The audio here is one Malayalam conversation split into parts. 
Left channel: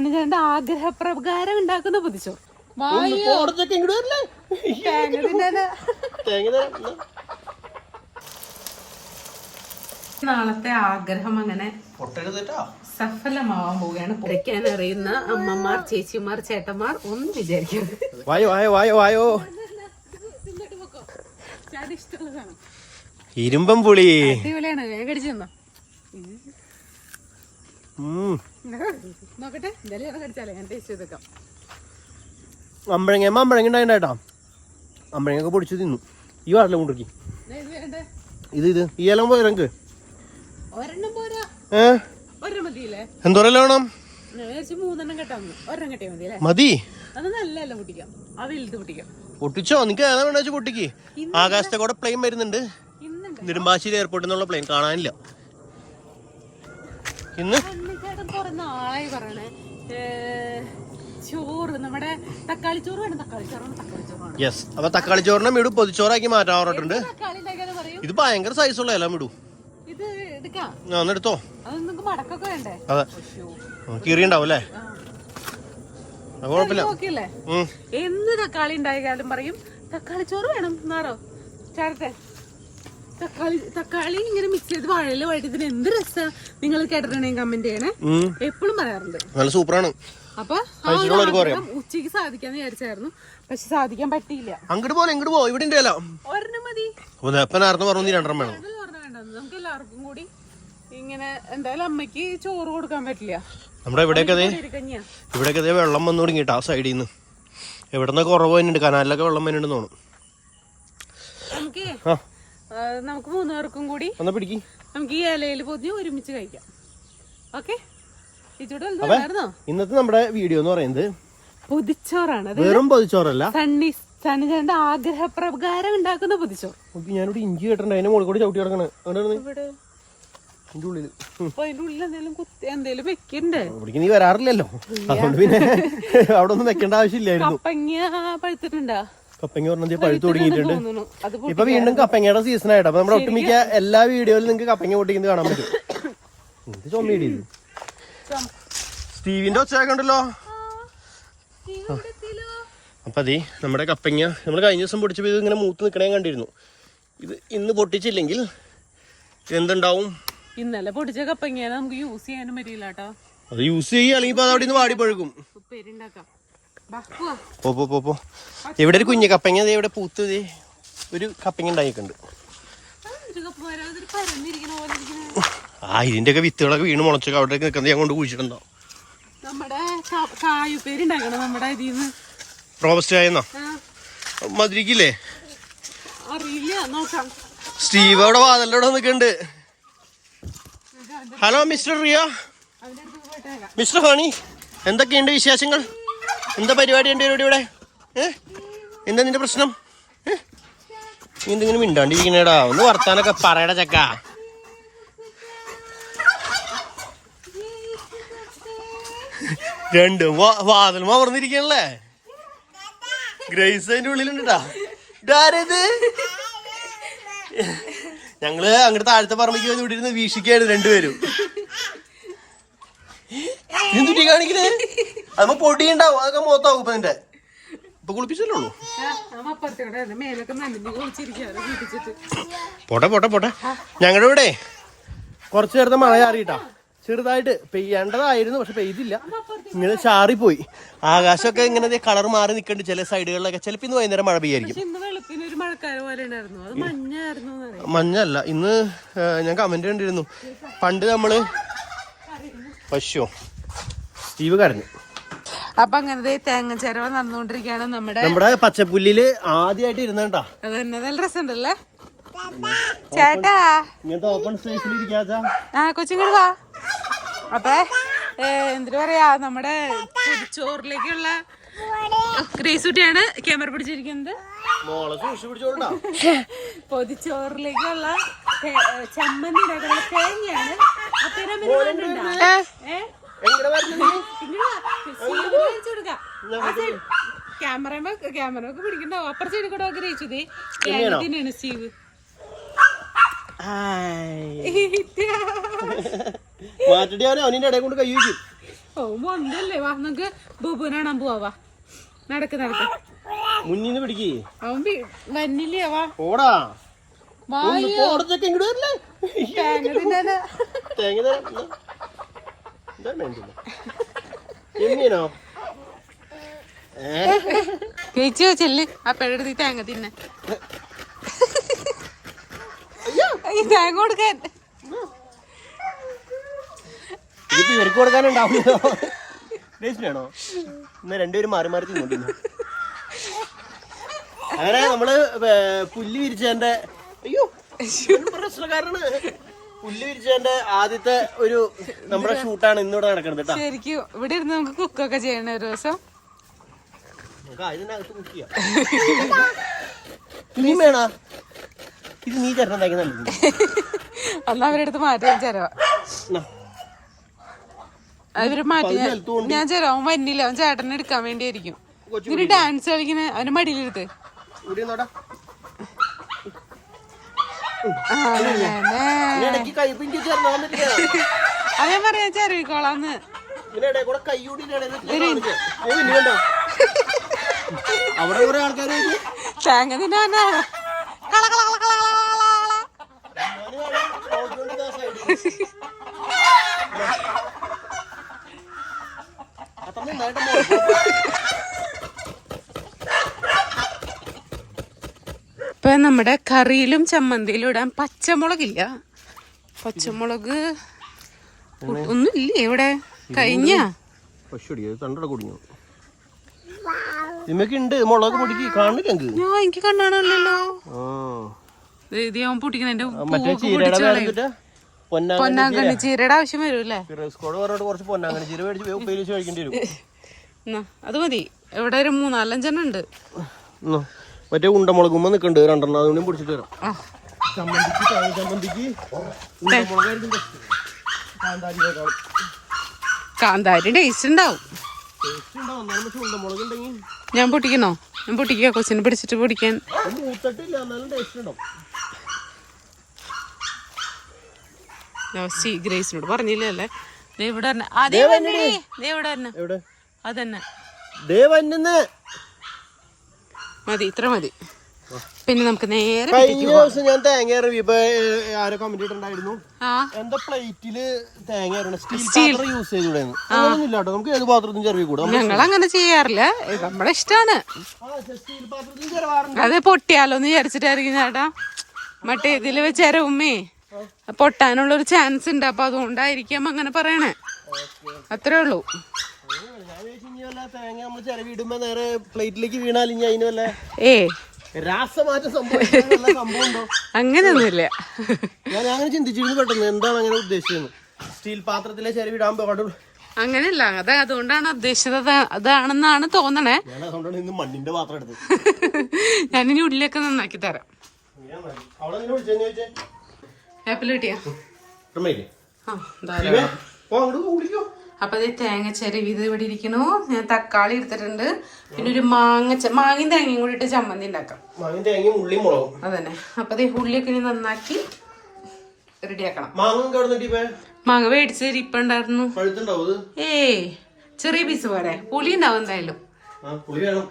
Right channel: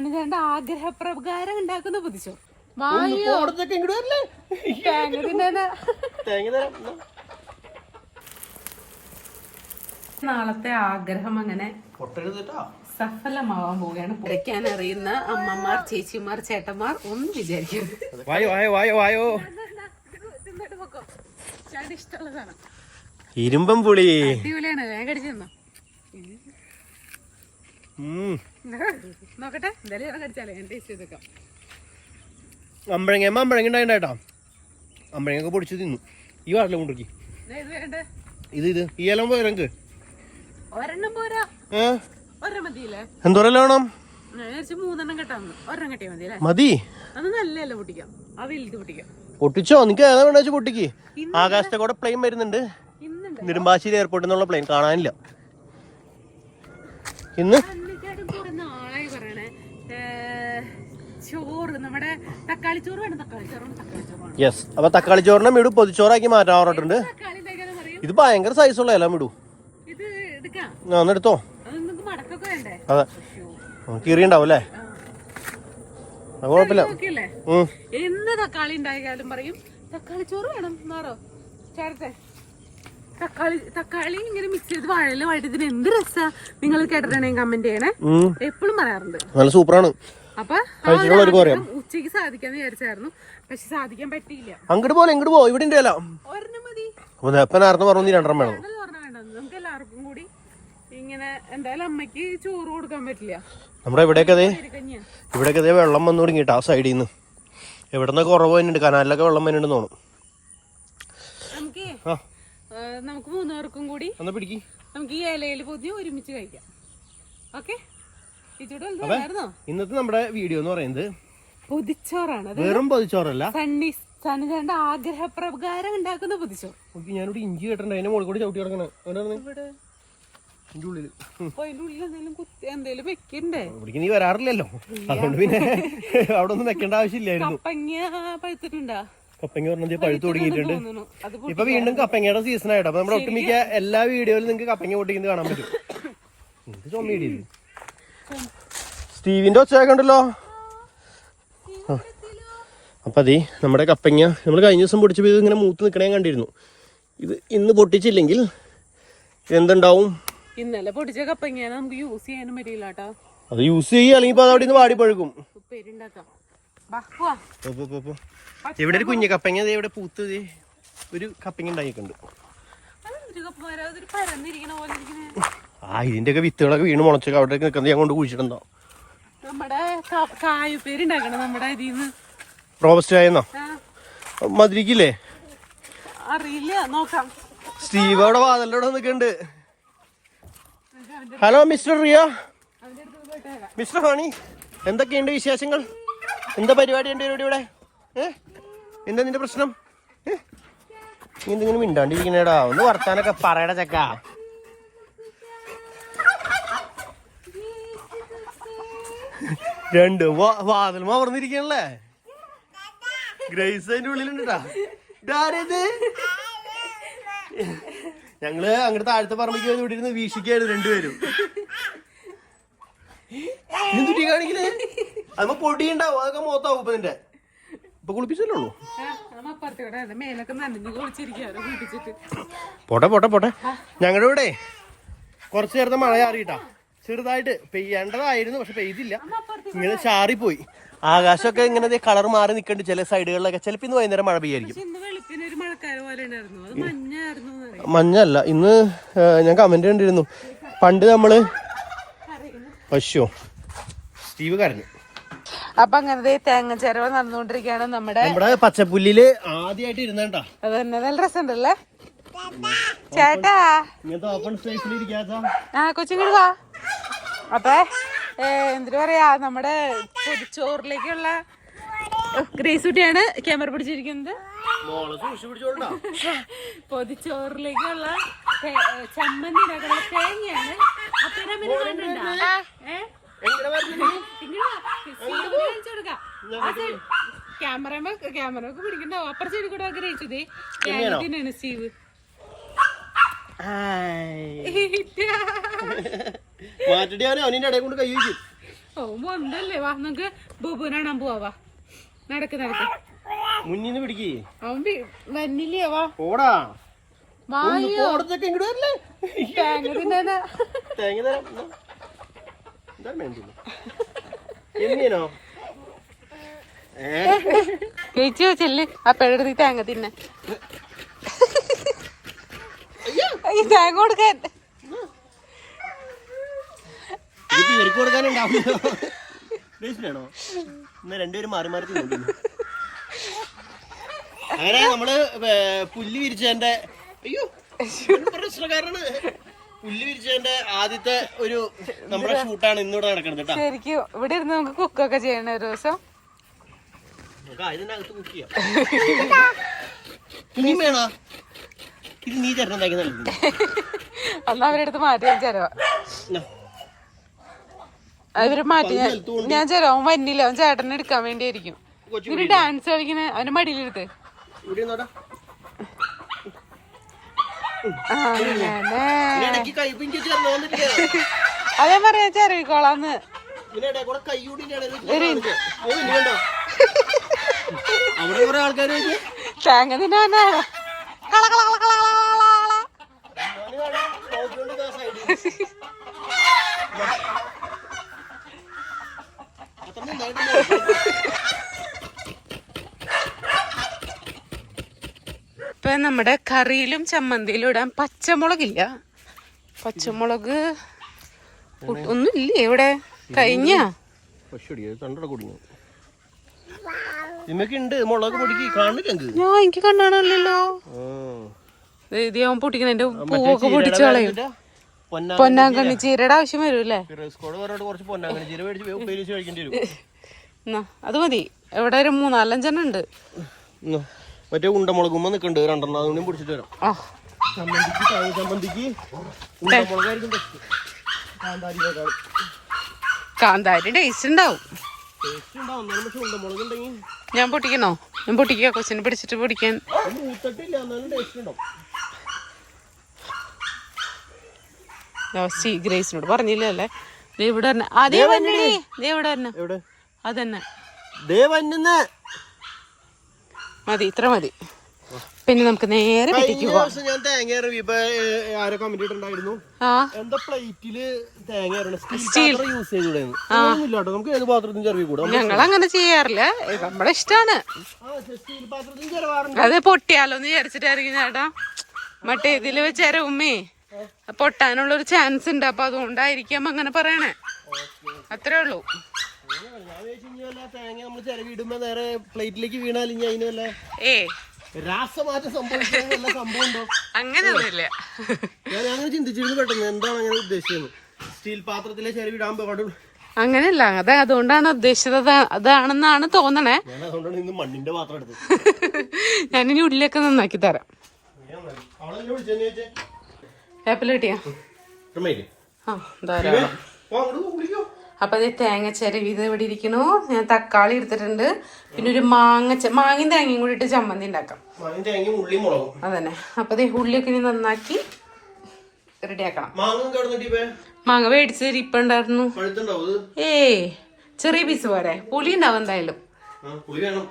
സണ്ണിചേട്ടന്റെ ആഗ്രഹപ്രകാരം ഉണ്ടാക്കുന്ന പൊതിച്ചോറ് ഒന്ന് പോടത്തൊക്കെ ഇങ്ങോട്ട് വരില്ലേ? തേങ്ങ തരാം നാളത്തെ ആഗ്രഹം അങ്ങനെ സഫലമാവാൻ പോവുകയാണ്. പൊളിക്കാൻ അറിയുന്ന അമ്മമാർ ചേച്ചിമാർ ചേട്ടന്മാർ ഒന്നും വിചാരിക്കരുത്. വായോ വായോ വായോ വായോ. ഇരുമ്പം പുളി. അടിപൊളിയാണ്. തന്നോ. ഉം. നോക്കട്ടെ എന്തായാലും കടിച്ചാലേ. ഞാൻ ടേസ്റ്റ് ചെയ്തേക്കാം. അമ്പഴങ്ങ അമ്പഴങ്ങ ഉണ്ടായിട്ടാ അമ്പഴങ്ങൊക്കെ പൊടിച്ച് തിന്നു. ഈ വാറില്ല കൊണ്ടിരിക്കി ഇത് ഇത് ഈ എല്ലാം പോയി എന്തോരം വേണം? മതി. പൊട്ടിച്ചോ? നിനക്ക് ഏതാ വേണ്ട പൊട്ടിക്ക്? ആകാശത്തെ കൂടെ പ്ലെയിൻ വരുന്നുണ്ട്. നെടുമ്പാശ്ശേരി എയർപോർട്ടിൽ നിന്നുള്ള പ്ലെയിൻ കാണാനില്ല. ഇന്ന് അന്നിച്ചേട്ടൻ ആയി പറയണേ? ചോറ് നമ്മുടെ തക്കാളി ചോറ് വേണം തക്കാളി ചോറാണ് തക്കാളി ചോറാണ് യെസ് അപ്പൊ തക്കാളി ചോറിനെ മിടു പൊതിച്ചോറാക്കി മാറ്റാൻ പറഞ്ഞിട്ടുണ്ട്. ഇത് ഭയങ്കര സൈസുള്ള ഇല എല്ലാം ഇത് എടുക്കാം? കീറി അത് മടക്കൊക്കെ വേണ്ടേ? അതെ. ശ്ശോ. ആ, കീറിയുണ്ടാവും അല്ലേ? കുഴപ്പമില്ല. എന്ന് തക്കാളി ഉണ്ടായാലും പറയും തക്കാളി ചോറ് വേണം എന്നാറോ? ചേർത്തെ തക്കാളി തക്കാളി ഇങ്ങനെ മിക്സ് ചെയ്ത് വാഴയില ഇതിന് എന്ത് രസാ? നിങ്ങൾ കേട്ടിട്ടുണ്ടെങ്കിൽ കമന്റ് ചെയ്യണേ. എപ്പോഴും പറയാറുണ്ട്. നല്ല സൂപ്പറാണ്. അപ്പൊ ഉച്ചയ്ക്ക് ഉച്ചയ്ക്ക് സാധിക്കാന്ന് വിചാരിച്ചായിരുന്നു. പക്ഷെ സാധിക്കാൻ പറ്റിയില്ല. അങ്ങോട്ട് പോലെ ഇങ്ങോട്ട് പോ ഇവിടെ ഒരെണ്ണം മതി. പറഞ്ഞു രണ്ടെണ്ണം വേണം. നമുക്ക് എല്ലാവർക്കും കൂടി ഇങ്ങനെ എന്തായാലും അമ്മയ്ക്ക് ചോറ് കൊടുക്കാൻ പറ്റില്ല. നമ്മുടെ ഇവിടെയൊക്കെ അതെ ഇവിടെയൊക്കെ അതേ വെള്ളം വന്നു തുടങ്ങിയിട്ട് ആ സൈഡിൽ നിന്ന് എവിടെ നിന്നൊക്കെ കുറവ് തന്നെ കനാലിലൊക്കെ വെള്ളം വരുന്നുണ്ട് തോന്നും നമുക്ക് നമുക്ക് മൂന്ന് പേർക്കും കൂടി നമുക്ക് ഈ ഇലയിൽ പൊതിഞ്ഞ് ഒരുമിച്ച് കഴിക്കാം. ഓക്കെ? ഇന്നത്തെ നമ്മുടെ വീഡിയോ എന്ന് പറയുന്നത് പൊതിച്ചോറാണ്. വെറും പൊതിച്ചോറല്ല. സണ്ണി സണ്ണിചേട്ടന്റെ ആഗ്രഹപ്രകാരം ഉണ്ടാക്കുന്ന പൊതിച്ചോറ്. ഞാനിവിടെ ഇഞ്ചി കേട്ടിട്ടുണ്ട് അതിന്റെ മുകളിൽ കൂടി ചവിട്ടി കിടക്കണേ. ഇതിന്റെ ഉള്ളിൽ ഇവിടേക്ക് നീ വരാറില്ലല്ലോ. അതുകൊണ്ട് പിന്നെ അവിടെ ഒന്നും വെക്കേണ്ട ആവശ്യമില്ലായിരുന്നു. പഴുത്തിട്ടുണ്ടാ? കപ്പങ്ങ പറഞ്ഞത് പഴുത്തു തുടങ്ങിയിട്ടുണ്ട്. ഇപ്പൊ വീണ്ടും കപ്പങ്ങയുടെ സീസൺ ആയിട്ട്. അപ്പൊ നമ്മുടെ ഒട്ടുമിക്ക എല്ലാ വീഡിയോയിലും നിങ്ങൾക്ക് കപ്പങ്ങ പൊട്ടിക്കുന്നത് കാണാൻ പറ്റും. എന്ത് ചുമയിടി ഇത്? സ്റ്റീവിന്റെ ഒച്ചയൊക്കെ ഉണ്ടല്ലോ. അപ്പൊ അതെ നമ്മുടെ കപ്പങ്ങ നമ്മൾ കഴിഞ്ഞ ദിവസം പൊടിച്ചപ്പോൾ ഇത് ഇങ്ങനെ മൂത്ത് നിൽക്കണേ കണ്ടിരുന്നു. ഇത് ഇന്ന് പൊട്ടിച്ചില്ലെങ്കിൽ എന്തുണ്ടാവും? ഇന്നലെ പൊടിച്ച കപ്പങ്ങ നമുക്ക് യൂസ് ചെയ്യാനും പറ്റില്ല കേട്ടോ. അത് യൂസ് ചെയ്യുക അല്ലെങ്കിൽ അത് അവിടെ നിന്ന് വാടി പഴുക്കും. പോ പോ പോ ഇവിടെ ഒരു കുഞ്ഞു കപ്പങ്ങ ഇവിടെ പൂത്ത് ഒരു കപ്പങ്ങ ഉണ്ടായിട്ടുണ്ട്. ആ, ഇതിന്റെ ഒക്കെ വിത്തുകളൊക്കെ വീണ് മുളച്ചൊക്കെ അവിടെ നിൽക്കുന്നത് ഞാൻ കൊണ്ട് കുഴിച്ചിട്ടുണ്ടോ? നമ്മുടെ കാ- കായുപ്പേരുണ്ടാക്കണം നമ്മുടെ അരിന്ന് റോബസ്റ്റ് ആയെന്നോ? ആ, മധുരിക്കില്ലേ? അറിയില്ല നോക്കാം. സ്റ്റീവ് അവിടെ വാതലിലൂടെ നിൽക്കുന്നുണ്ട്. Hello mister Riya. Mister honey എന്തൊക്കെയുണ്ട് വിശേഷങ്ങൾ? എന്താ പരിപാടി ഉണ്ട് ഇവിടെ? ഇവിടെ ഏഹ് എന്താ നിന്റെ പ്രശ്നം? ഏഹ് നീ എന്തെങ്കിലും മിണ്ടാണ്ടിരിക്കണേടാ? ഒന്ന് വർത്താനൊക്കെ പറയടാ ചക്ക. രണ്ടും വാതിൽ മറന്നിരിക്കണല്ലേ ഗ്രേസ് അതിന്റെ ഉള്ളിലുണ്ടാ ഇതാരത് ഞങ്ങൾ അങ്ങോട്ട് താഴത്തെ പറമ്പിക്ക് ഇവിടെ ഇരുന്ന് വീക്ഷിക്കായിരുന്നു രണ്ടുപേരും. എന്തുട്ടി കാണിക്കണേ? പൊടി ഉണ്ടാവും. അതൊക്കെ മൊത്താവും ഇപ്പൊ നിന്റെ. ഇപ്പൊ കുളിപ്പിച്ചല്ലേ ഉള്ളൂ? പോട്ടെ പോട്ടെ പോട്ടെ. ഞങ്ങളുടെ ഇവിടെ കുറച്ചു നേരത്തെ മഴ ചാറിയിട്ടാ. ചെറുതായിട്ട് പെയ്യേണ്ടതായിരുന്നു പക്ഷെ പെയ്തില്ല. ഇങ്ങനെ ചാറിപ്പോയി. ആകാശമൊക്കെ ഇങ്ങനെ കളർ മാറി നിക്കണ്ട് ചില സൈഡുകളിലൊക്കെ. ചിലപ്പോൾ ഇന്ന് വൈകുന്നേരം മഴ പെയ്യായിരിക്കും. അത് മഞ്ഞല്ല. ഇന്ന് ഞാൻ കമന്റ് കണ്ടിരുന്നു പണ്ട് നമ്മൾ പശു. സ്റ്റീവ് കരഞ്ഞു അപ്പൊ അങ്ങനത്തെ തേങ്ങ ചേരവ നടന്നുകൊണ്ടിരിക്കുകയാണ് നമ്മുടെ നമ്മുടെ പച്ചപ്പുല്ലിൽ ആദ്യമായിട്ട് ഇരുന്നേട്ടാ അത് തന്നെ നല്ല രസമുണ്ടല്ലേ? ചേട്ടാ. ഓപ്പൺ സ്പേസിൽ ആ കൊച്ചിങ്ങോട് വാ. അപ്പൊ എന്തിനു പറയാ നമ്മുടെ ചോറിലേക്കുള്ള ഗ്രീസുട്ടിയാണ് ക്യാമറ പിടിച്ചിരിക്കുന്നത്. പൊതിച്ചോറിലേക്കുള്ള ചമ്മന്തി തേങ്ങയാണ്. അപ്പൊ? ഏ? എങ്ങനെ പറഞ്ഞു ഇങ്ങട് വാ. സീവ് കാണിച്ച് ആ സൈഡ്. ക്യാമറ ക്യാമറ ഒക്കെ പിടിക്കണ്ടാവും അപ്പുറ സൈഡിൽ കൂടെ ആഗ്രഹിച്ചത് തേങ്ങ സ്റ്റീവ് മാറ്റടി അവനെ അവനിന്റെ ഇടയിൽ കൊണ്ട് കൈ വയ്ക്കും ഓ മൊന്തല്ലേ. വാ നമുക്ക് ബുബുനെ കാണാൻ പോവാ. നടക്ക് നടക്ക്. മുന്നിന്ന് പിടിക്കേ. അവൻ വന്നില്ലേ വാ. പോടാ. വാ തേങ്ങ തരാം. എന്താ എങ്ങനെയാണോ ഏ ചേച്ചി ചെല്ല് ആ ഈ തേങ്ങ തിന്നെ. ഈ തേങ്ങ കൊടുക്കാൻ. ഇവർക്ക് കൊടുക്കാനുണ്ടാവുമല്ലോ. ഇന്ന് രണ്ടുപേരും മാറി മാറി അങ്ങനെ നമ്മൾ പുല്ല് വിരിച്ചതിന്റെ അയ്യോ പ്രശ്നക്കാരാണ്. പുല്ല് വിരിച്ചതിന്റെ ആദ്യത്തെ ഒരു നമ്മുടെ ഷൂട്ടാണ് ഇന്നിവിടെ നടക്കുന്നത് കേട്ടോ ശരിക്കും ഇവിടെ ഇരുന്ന് നമുക്ക് കുക്കൊക്കെ ചെയ്യണ ഒരു ദിവസം? നമുക്ക് അതിനകത്ത് കുക്ക് ചെയ്യാം. ഇനിയും വേണോ? ഇത് നീ ചേട്ടനുണ്ടാക്കി നല്ലത് അന്ന് അവരുടെ അടുത്ത് മാറ്റി ചെലവ അവർ മാറ്റി ഞാൻ ഞാൻ അവൻ വന്നില്ല. അവൻ ചേട്ടനെ എടുക്കാൻ വേണ്ടിയായിരിക്കും. ഇവർ ഡാൻസ് കളിക്കണ അവന്റെ മടിയിലെടുത്ത് ഇവിടെ നോടാ അങ്ങനെ ഇടയ്ക്ക് കൈ പിഞ്ചി ചേർന്ന് വന്നിട്ടില്ല അതേ പറയാ ചെറിയിക്കോളാന്ന് ഇതിനിടെ കൂടെ കൈ കൂടി കണ്ടോ അവിടെ കുറെ ആൾക്കാർ തേങ്ങ തിന്നാനാ? കള കള കള കള കള കള. ഇപ്പൊ നമ്മുടെ കറിയിലും ചമ്മന്തിയിലും ഇടാൻ പച്ചമുളകില്ല. പച്ചമുളക് ഒന്നുമില്ലേ ഇവിടെ? കഴിഞ്ഞ? ഞാൻ എനിക്ക് കണ്ണാണല്ലോ. ഇതിയാവും പൊട്ടിക്കുന്ന എന്റെ പൂവൊക്കെ പൊട്ടിച്ചു കളയും. പൊന്നാങ്കണ്ണി ചീരയുടെ ആവശ്യം വരൂല്ലേ അത് മതി. ഇവിടെ ഒരു മൂന്നാലഞ്ചെണ്ണം ഉണ്ട്. മറ്റേ ഉണ്ടമുളകുമ്പോ നിക്കണ്ട് രണ്ടെണ്ണം. അതുകൊണ്ടും പിടിച്ചിട്ട് വരാം. ചമ്മന്തിക്ക് തേങ്ങ ചമ്മന്തിക്ക് ഉണ്ടമുളകായിരിക്കും ബെസ്റ്റ് കാന്താരിനേക്കാളും കാന്താരി ടേസ്റ്റ് ഉണ്ടാവും. ഞാൻ പൊട്ടിക്കണോ ഞാൻ പൊട്ടിക്കുക കൊച്ചിനെ പിടിച്ചിട്ട് പൊടിക്കാൻ. ഗ്രേസിനോട് പറഞ്ഞില്ലല്ലേ ഇവിടെ തന്നെ. അതേ വന്നേ. ഇവിടെ തന്നെ. അതന്നെ മതി ഇത്ര മതി. പിന്നെ നമുക്ക് നേരെ ഞാൻ തേങ്ങ ആരോ കമന്റ് ഇട്ടുണ്ടായിരുന്നു ആ. എന്താ പ്ലേറ്റിൽ തേങ്ങ സ്റ്റീൽ യൂസ് നമുക്ക് ഏത് പാത്രത്തിനും ചെറിയ കൂടാം ഞങ്ങൾ അങ്ങനെ ചെയ്യാറില്ല. നമ്മളെ ഇഷ്ടാണ്. അത് പൊട്ടിയാലോന്ന് വിചാരിച്ചിട്ടായിരിക്കും ചേട്ടാ. മറ്റേ ഇതിൽ വെച്ചേരെ ഉമ്മേ. പൊട്ടാനുള്ള ഒരു ചാൻസ് ഉണ്ട്. അപ്പൊ അതുകൊണ്ടായിരിക്കാം അങ്ങനെ പറയണേ. അത്രേ ഉള്ളൂ. തേങ്ങ നമ്മൾ നേരെ പ്ലേറ്റിലേക്ക് വീണാൽ ഇനി അതിന് വല്ല ഏ. രാസമാറ്റം സംഭവിക്കുന്ന വല്ല സംഭവം ഉണ്ടോ? അങ്ങനെയൊന്നുമില്ല ഞാൻ അങ്ങനെ ചിന്തിച്ചിരുന്നു പെട്ടെന്ന് എന്താണ് അങ്ങനെ ഉദ്ദേശിക്കുന്നത് സ്റ്റീൽ പാത്രത്തിലെ ചിരവി ഇടാൻ പാടുള്ളൂ അങ്ങനെയല്ല അത് അതുകൊണ്ടാണ് ഉദ്ദേശിച്ചത് അതാ- അതാണെന്നാണ് തോന്നണേ. മണ്ണിന്റെ പാത്രം എടുത്തത്. ഞാനിനി ഉള്ളിലൊക്കെ നന്നാക്കി തരാം. കിട്ടിയാ? ഓർമ്മയില്ലേ? ആ ധാരാളം. അപ്പൊ ഇത് തേങ്ങ ചെരവിത് ഇത് ഇവിടെ ഇരിക്കണു ഞാൻ തക്കാളി എടുത്തിട്ടുണ്ട്. പിന്നെ ഒരു മാങ്ങ മാങ്ങിൻ മാങ്ങയും തേങ്ങയും കൂടി ഇട്ട് ചമ്മന്തി ഉണ്ടാക്കാം. അതന്നെ. അപ്പൊ ഇത് ഉള്ളിയൊക്കെ ഇനി നന്നാക്കി റെഡിയാക്കണം. മാങ്ങ കിടന്നിട്ട് ഇപ്പൊ ഇത് ഏയ് ചെറിയ പീസ് പോരെ. പുളി ഉണ്ടാവും എന്തായാലും ആ പുളി വേണം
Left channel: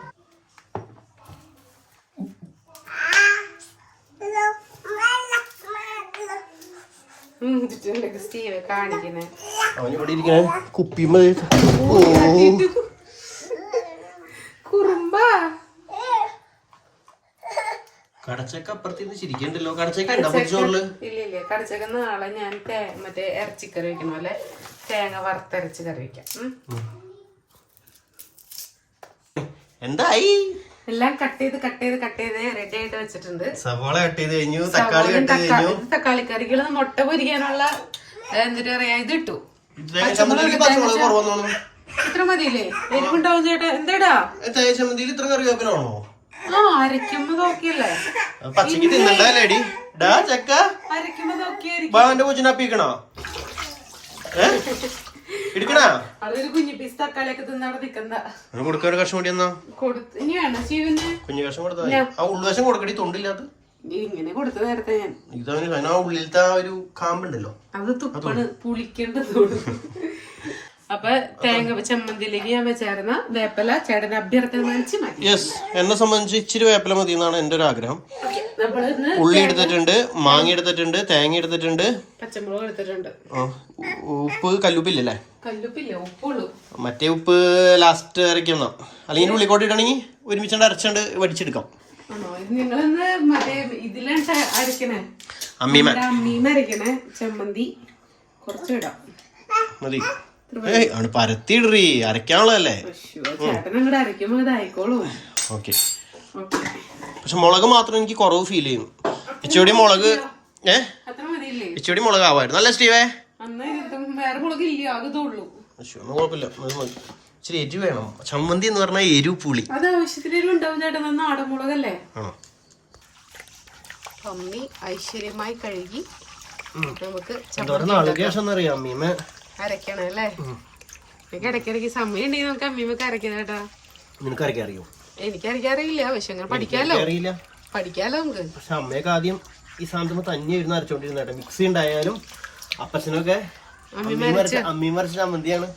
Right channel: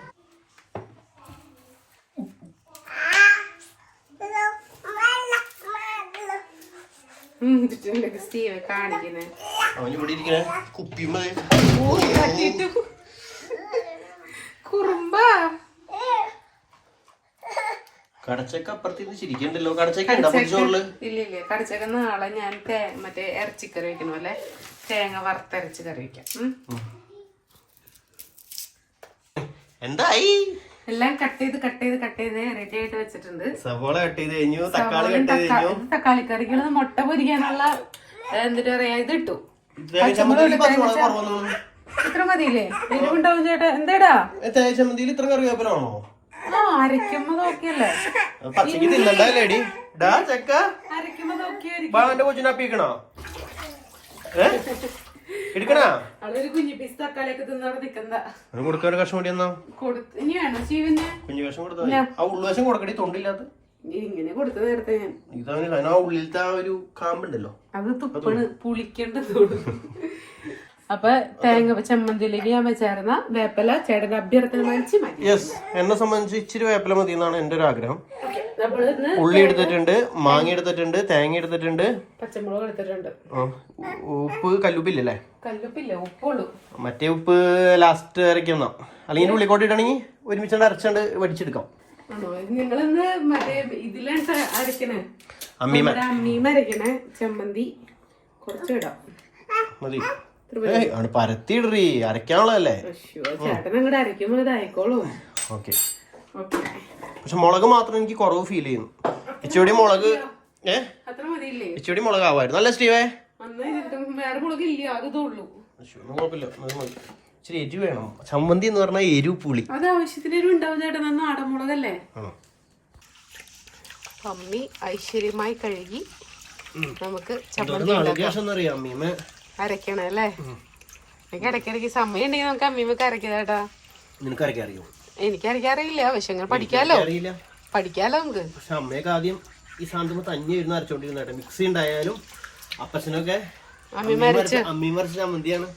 സ്റ്റീവ് കാണിക്കുന്നത് അവൻ ഇവിടെ ഇരിക്കണേ. കുപ്പിമ കുറുമ്പ. കടച്ചക്ക അപ്പുറത്തേക്ക് ചിരിക്കണ്ടല്ലോ. കടച്ചക്ക ഇല്ല ഇല്ല. കറിച്ചൊക്കെ നാളെ ഞാൻ മറ്റേ ഇറച്ചിക്കറി വെക്കണ. പോലെ തേങ്ങ വറുത്തരച്ച് കറി വെക്കാം. എന്തായി? എല്ലാം കട്ട് ചെയ്ത് കട്ട് ചെയ്ത് കട്ട് ചെയ്ത് റെഡി ആയിട്ട് വെച്ചിട്ടുണ്ട്. സവോള കട്ട് ചെയ്ത് കഴിഞ്ഞു തക്കാളി കട്ട് ചെയ്ത് കഴിഞ്ഞു. തക്കാളി കറികൾ മുട്ട പൊരിക്കാനുള്ള ഏ, എന്നിട്ട് പറയാ ഇത് ഇട്ടു. ഇത്ര മതിയില്ലേ? എരിവുണ്ടാവും ചേട്ടാ. എന്തേടാ? ചമ്മന്തിയിൽ ഇത്ര കറിവേപ്പിലാണോ? ആ അരയ്ക്കുമ്പോ നോക്കിയല്ലേ. പച്ചക്ക് തിന്നണ്ടല്ലേ ഡാ ചക്ക. അരയ്ക്കുമ്പോ എന്റെ കൊച്ചിനെ അപ്പിക്കണോ? ഏ? എടുക്കണാ? അതൊരു കുഞ്ഞു പീസ് തക്കാളിയൊക്കെ തിന്ന് അവിടെ നിക്കണ്ട കൊടുക്കാൻ ഒരു കഷ്ണം കൂടി എന്നാ ഇനി വേണം ശിവന്? കുഞ്ഞു കഷ്ണം കൊടുത്താൽ ആ കൊടുക്കടി തൊണ്ടില്ലാത്ത. ഇങ്ങനെ കൊടുത്തു നേരത്തെ ഞാൻ. ആ ഉള്ളിലത്തെ ആ ഒരു കാമ്പുണ്ടല്ലോ. അത് തുപ്പണ് അപ്പൊ തേങ്ങ ചമ്മന്തിയിലേക്ക് ഞാൻ വെച്ചായിരുന്ന വേപ്പല ചേട്ടന്റെ അഭ്യർത്ഥന മാനിച്ച് മാറ്റി. യെസ് എന്നെ സംബന്ധിച്ച് ഇച്ചിരി വേപ്പല മതി എന്നാണ് എന്റെ ഒരു ആഗ്രഹം. ഉള്ളി എടുത്തിട്ടുണ്ട് മാങ്ങ എടുത്തിട്ടുണ്ട് തേങ്ങ എടുത്തിട്ടുണ്ട്. പച്ചമുളക് എടുത്തിട്ടുണ്ട്. ഉപ്പ് കല്ലുപ്പില്ലല്ലേ? കല്ലുപ്പില്ല ഉപ്പുള്ളൂ. മറ്റേ ഉപ്പ് ലാസ്റ്റ് അരയ്ക്കുന്ന അല്ലെങ്കിൽ ഉള്ളിക്കോട്ട് ഇടണമെങ്കിൽ ഒരുമിച്ചുകൊണ്ട് അരച്ചുകൊണ്ട് വടിച്ചെടുക്കാം. നിങ്ങളിന്ന് മറ്റേ ഇതിലാണ് അരക്കണേ? അമ്മീമ അമ്മീന്ന് അരക്കണേ ചമ്മന്തി. കുറച്ച് ഇടാം മതി. ആണ് പരത്തിയിടറി ഇതായിക്കോളൂ ഓക്കെ. ഓക്കെ. പക്ഷെ മുളക് മാത്രം എനിക്ക് കുറവ് ഫീൽ ചെയ്യുന്നു. ഇച്ചിരി മുളക് ഏ? ഇച്ചിരി മുളക് ആവായിരുന്നു. അല്ലേ സ്റ്റീവേ? ഒന്നും കുഴപ്പമില്ല. ഇച്ചിരി എരിവ് വേണം. ചമ്മന്തി എന്ന് പറഞ്ഞാൽ എരിവ് പുളി. അത് ആവശ്യത്തിന് എരിവ് ഉണ്ടാവും ചേട്ടൻ. അത് നാടൻ മുളകല്ലേ? ആണോ? അമ്മി ഐശ്വര്യമായി കഴുകി. നമുക്ക് എന്തോരം എന്നറിയാം അമ്മീമ. അരക്കണം അല്ലേ? എനിക്ക് ഇടയ്ക്കിടയ്ക്ക് സമയം ഉണ്ടെങ്കിൽ നമുക്ക് അമ്മീമ്മക്ക് അരക്കാം കേട്ടോ. നിനക്ക് അരയ്ക്കാൻ അറിയോ? എനിക്ക് അരയ്ക്കാറിയില്ല പക്ഷെ അങ്ങനെ പഠിക്കാലോ. അറിയില്ല. പഠിക്കാലോ നമുക്ക്. പക്ഷെ അമ്മയൊക്കെ ആദ്യം ഈ സാധനം തന്നെ ഇരുന്ന് അരച്ചോണ്ടിരുന്ന കേട്ടോ. മിക്സി ഉണ്ടായാലും അപ്പച്ചനൊക്കെ അമ്മീമ അരച്ച ചമ്മന്തിയാണ്.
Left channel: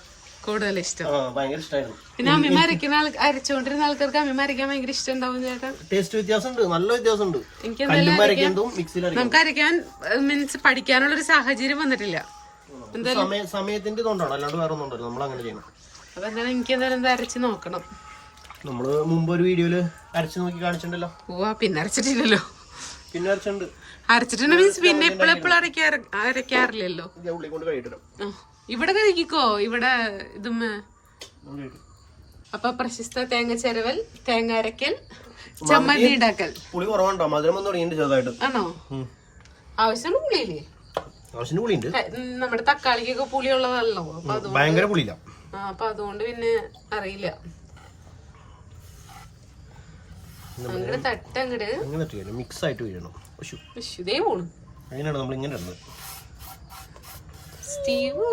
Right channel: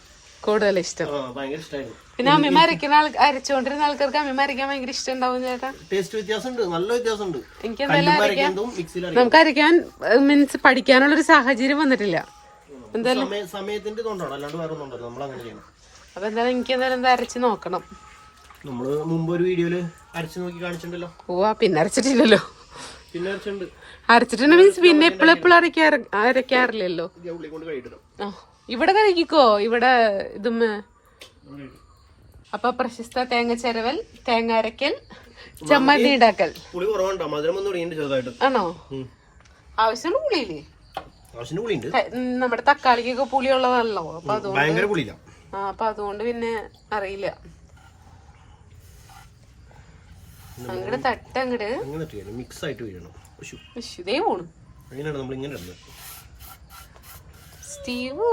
കൂടുതൽ ഇഷ്ടം. ഭയങ്കര ഇഷ്ടമായിരുന്നു പിന്നെ അമ്മീമ്മ അരക്കുന്ന ആൾ അരച്ചോണ്ടിരുന്ന ആൾക്കാർക്ക് അമ്മീമ്മ അരക്കാൻ ഭയങ്കര ഇഷ്ടം ഉണ്ടാവും ചേട്ടാ. ടേസ്റ്റ് വ്യത്യാസമുണ്ട്. നല്ല വ്യത്യാസമുണ്ട്. എനിക്ക് നമുക്ക് അരക്കാൻ മീൻസ് പഠിക്കാനുള്ളൊരു സാഹചര്യം വന്നിട്ടില്ല. സമയത്തിന്റെ അല്ലാണ്ട് വേറെ ഒന്നും ഉണ്ടല്ലോ നമ്മൾ അങ്ങനെ ചെയ്യണം എനിക്ക് എന്തായാലും അരച്ച് നോക്കണം. നമ്മൾ മുമ്പ് ഒരു വീഡിയോയിൽ അരച്ചു നോക്കി കാണിച്ചിട്ടുണ്ടല്ലോ. പിന്നെ അരച്ചിട്ടില്ലല്ലോ. പിന്നെ അരച്ചിട്ടുണ്ട്. മീൻസ് പിന്നെ എപ്പോഴും എപ്പോഴും ആ, ഇവിടെ കഴിക്കോ ഇവിടെ ഇതും അപ്പൊ പ്രശസ്ത തേങ്ങ ചെരവൽ തേങ്ങ അരക്കൽ ചമ്മന്തി ഉണ്ടാക്കൽ പുളി കുറവുണ്ടോ? മധുരം ഒന്നും ആണോ? ആവശ്യമുള്ള പുളിയില്ലേ ആവശ്യത്തിന് പുളിയുണ്ട്. നമ്മുടെ തക്കാളിക്കൊക്കെ പുളിയുള്ളതല്ലോ. അപ്പൊ ഭയങ്കര പുളിയില്ല. ആ, അപ്പൊ അതുകൊണ്ട് പിന്നെ അറിയില്ല. തട്ട് അങ്ങനെ മിക്സ് ആയിട്ട് വീഴണം ഇതേ പോണു. നമ്മൾ ഇങ്ങനെ ഇടുന്നത്? സ്റ്റീവോ.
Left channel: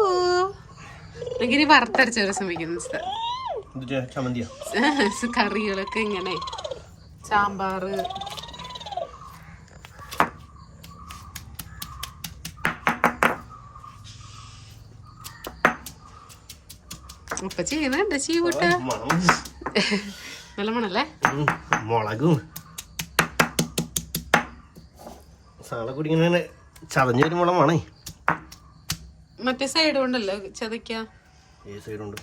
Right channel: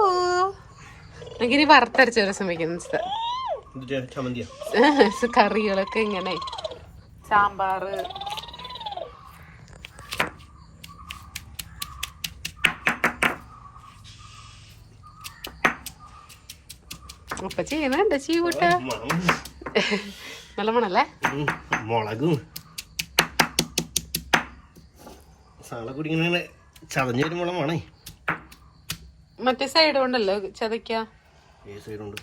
വറുത്തരച്ച ഒരു കറികളൊക്കെ ഇങ്ങനെ. സാമ്പാറ് അപ്പൊ ചെയ്യുന്നുണ്ട് ചീവൂട്ട നല്ല മണല്ലേ മുളകും. സാളെ കൂടി ഇങ്ങനെ ചതഞ്ഞ് വരുമ്പോളം വേണേ മറ്റേ സൈഡ് കൊണ്ടല്ലോ ചതയ്ക്ക? സൈഡ് ഉണ്ട്.